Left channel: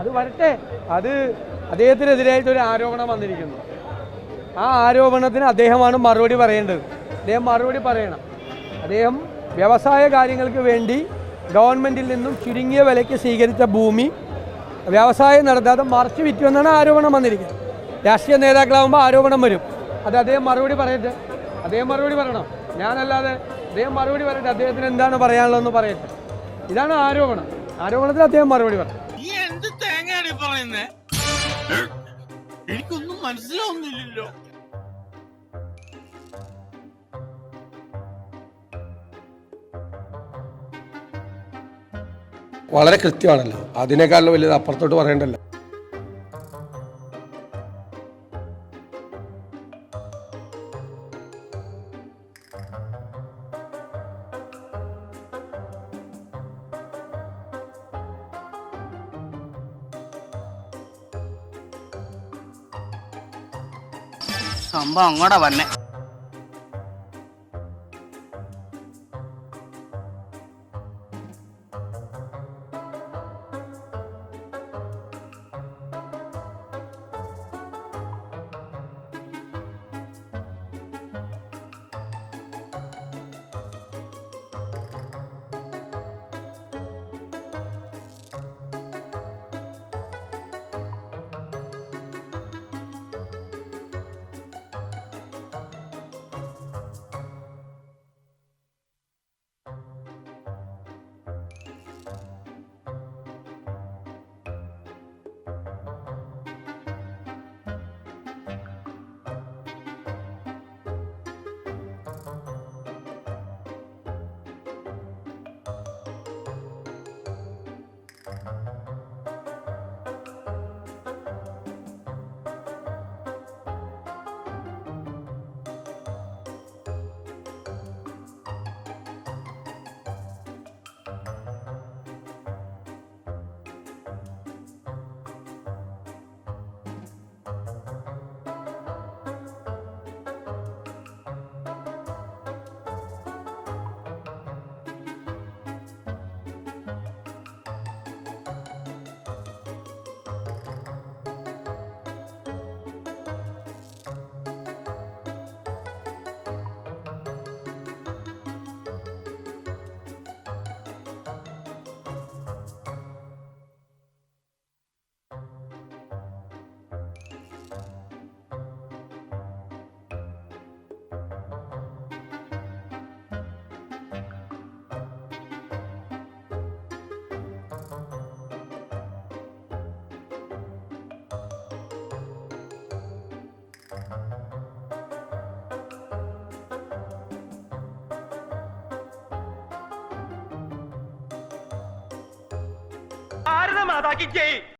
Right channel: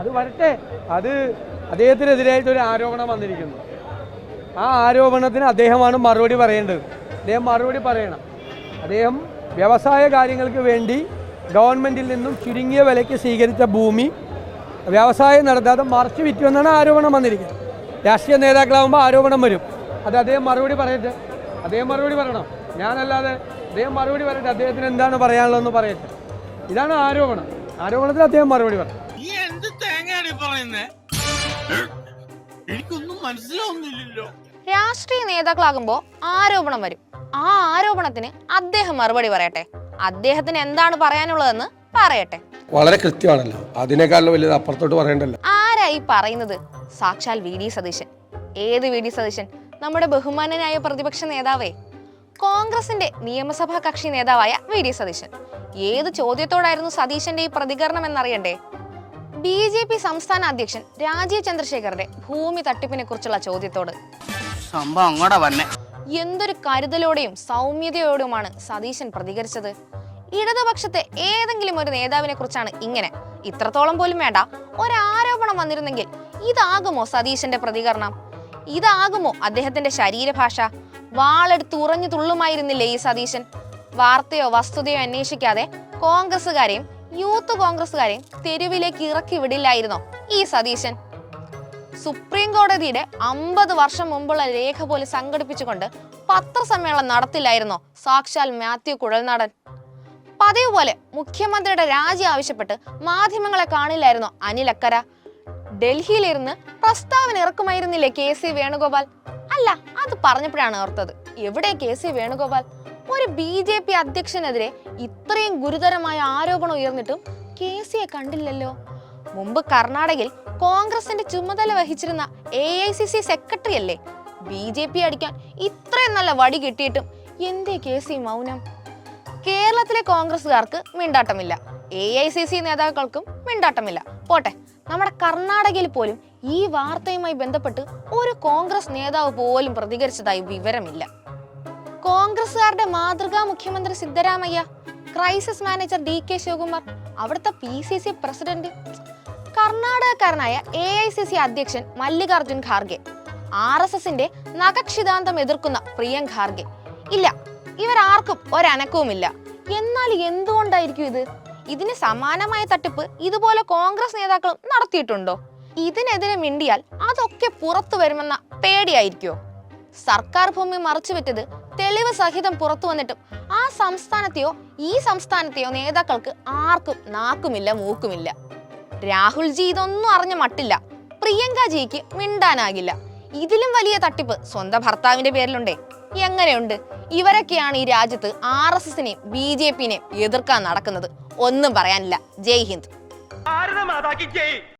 അത് വരട്ടെ. അത് അദ്ദേഹത്തിനെതിരായിട്ടൊരു ആരോപണം വന്നിരിക്കുന്നു. ആ ആരോപണത്തിന് അദ്ദേഹമാണ് മറുപടി പറയേണ്ടത്. അദ്ദേഹം മറുപടി പറയണം. അദ്ദേഹം വ്യവസായ കാര്യങ്ങൾക്ക് വേണ്ടി ഗവൺമെൻറ്റിൽ നിന്നും ചുരുങ്ങിയ വിലയ്ക്ക് സ്വീകരിച്ച ഭൂമി വ്യവസായം നടത്താതെ മറച്ചു വിറ്റു എന്നാണ് ആരോപണം വന്നിരിക്കുന്നത്. രാഷ്ട്രീയ നേതാക്കളാകുമ്പോൾ ആരോപണം വരും. അത് അദ്ദേഹം മറുപടി പറയട്ടെ. അദ്ദേഹം മറുപടി പറയണം. ഞാനല്ലാതെ അദ്ദേഹം മറുപടി പറയട്ടെ. അദ്ദേഹത്തിന് എന്താണ് പറയാനുള്ളതെന്ന് പറയട്ടെ. ഇതാണ് ആരോപണം. ആരോപണത്തിന് അദ്ദേഹം മറുപടി പറയും. എനിക്കൊന്നും മനസ്സിലാവുന്നില്ലല്ലോ. രാഷ്ട്രീയ നേതാക്കളാകുമ്പോൾ ആരോപണം വരും. ആ ആരോപണത്തിന് അദ്ദേഹം മറുപടി പറയട്ടെ. അദ്ദേഹത്തിന് എന്താണ് പറയാനുള്ളതെന്ന് പറയട്ടെ. വളരെ കൃത്യമാണല്ലോ. അതിനേക്കാളും വലിയത് അപ്പുറത്തോട്ട് പറയണ്ടല്ലോ. ആരായി പറയുന്നത്? സാക്ഷാൽ വി ഡി സതീശൻ. ഏത് വി ഡി സതീശൻ? നമ്മുടെ ബഹുമാനനായ പ്രതിപക്ഷ നേതാവേ, കോൺഗ്രസിന്റെ നിയമസഭാ കക്ഷി നേതാവായ വി ഡി സതീശൻ. ഏത് ചോദ്യത്തോടായിരുന്നു സതീശന്റെ ഈ പ്രതികരണം എന്നറിയണ്ടേ? BJP സംസ്ഥാന അധ്യക്ഷൻ രാജീവ് ചന്ദ്രശേഖറിന്റെ ഭൂമി തട്ടിപ്പിനെ കുറിച്ചുള്ള ചോദ്യത്തോട് എന്തൊരു കരുതലോടെയും സൗമ്യതയോടെയുമാണ് സതീശൻ പ്രതികരിച്ചത്. ഇടതുപക്ഷത്തെ ഏതെങ്കിലും ഒരു നേതാവിനെ കുറിച്ചാണ് ഇങ്ങനെ. ഇത്രത്തോളം പോലും വേണ്ട, ഒരാരോപണം വന്നിരുന്നെങ്കിൽ ഇതാകുമോ സതീശന്റെ പ്രതികരണം? ഇതാകുമോ അദ്ദേഹത്തിന്റെ ശരീരഭാഷ? വാളെടുത്ത് ഉറഞ്ഞു തുള്ളുമായിരുന്നില്ലേ ഈ സതീശൻ? വാർത്തയോ വസ്തുതയോ അന്വേഷിക്കാതെ കോൺഗ്രസുകാരെയും യൂത്ത് കോൺഗ്രസുകാരെയും തെരുവിലേക്ക് ഇറക്കി വിടില്ലായിരുന്നോ ഈ സതീശൻ? സുപ്രീം കോടതിയുടെ 50 വർഷം മുമ്പുള്ള രേഖ പോലും സംഘടിപ്പിച്ചുകൊണ്ട് പത്രസമ്മേളനം നടത്തില്ലായിരുന്നോ സാക്ഷാൽ മാത്യു കുഴൽനാടൻ? പതിവ് പോലെ മുഖ്യമന്ത്രിയുടെ രാജി ആവശ്യപ്പെട്ട് മാധ്യമങ്ങളെ കാണില്ലായിരുന്നോ അനിൽ അക്കര? ഡൽഹിയിലിരുന്ന് പ്രസ്താവന ഇറക്കുമായിരുന്നില്ലേ KC വേണുഗോപാൽ? അല്ല, അത് പറഞ്ഞപ്പോഴാണ് ഓർത്തത്, എവിടെ KC വേണുഗോപാൽ? ഒരു BJP അധ്യക്ഷനെതിരെ ഇത്രയും ഗുരുതരമായ ആരോപണം ഉയർന്നിട്ടും KCയെ കണ്ടില്ലല്ലോ. മുമ്പ് കർണാടകയിൽ കോൺഗ്രസിന്റെ ചുമതല വഹിച്ചിരുന്ന AICC സെക്രട്ടറി അല്ലേ? BJP അടിക്കാൻ ഇത്രയും നല്ല വടി കിട്ടിയിട്ടും എന്തേ KC മൗനം? കേരളത്തിലെ കോൺഗ്രസുകാർക്ക് മിണ്ടാട്ടമില്ല, AICC നേതാക്കൾക്കും മിണ്ടാട്ടമില്ല. പോട്ടെ, നമ്മുടെ കർണാടകയിൽ പോലും ഈ വാർത്തയുമായി ബന്ധപ്പെട്ട് ഒരു കോൺഗ്രസ് നേതാവ് പോലും പ്രതികരിച്ചതായി വിവരമില്ല. കോൺഗ്രസുകാരുടെ മാതൃകാ മുഖ്യമന്ത്രി Siddaramaiah, crisis manager DK Shivakumar, അവിടുത്തെ PCC പ്രസിഡന്റ്, കർണാടകക്കാരനായ AICC അധ്യക്ഷൻ മല്ലികാർജുൻ ഖാർഗെ, RSSന്റെ നഖക്ഷിതാന്തം എതിർക്കുന്ന പ്രിയങ്ക ഖാർഗെ. ഇല്ല, ഇവരാർക്കും ഒരനക്കവുമില്ല. എന്നാൽ എന്തുകൊണ്ടായിരിക്കും ഇത്? ഇതിന് സമാനമായ തട്ടിപ്പ് ഇതുപോലെ കോൺഗ്രസ് നേതാക്കളും നടത്തിയിട്ടുണ്ടോ? ഇതിനെതിരെ മിണ്ടിയാൽ അതൊക്കെ പുറത്തു വരുമെന്ന പേടിയായിരിക്കോ? സർക്കാർ ഭൂമി മറച്ചുവെറ്റത് തെളിവ് സഹിതം പുറത്തു വന്നിട്ടും ആ സംസ്ഥാനത്തെയോ ഈ സംസ്ഥാനത്തെയോ നേതാക്കൾക്ക് ആർക്കും നാക്കുമില്ല മൂക്കുമില്ല. രാഹുൽജി ഇതൊന്നും അറിഞ്ഞ മട്ടില്ല, പ്രിയങ്കാജിക്ക് മിണ്ടാനാകില്ല. ഇതിലും വലിയ തട്ടിപ്പ് സ്വന്തം ഭർത്താവിന്റെ പേരിലുണ്ടേ. എങ്ങനെയുണ്ട്? ഇവരൊക്കെയാണ് ഈ രാജ്യത്ത് RSSനെയും BJPനെയും എതിർക്കാൻ നടക്കുന്നത്. ഒന്നും പറയാനില്ല. ജയ് ഹിന്ദ്.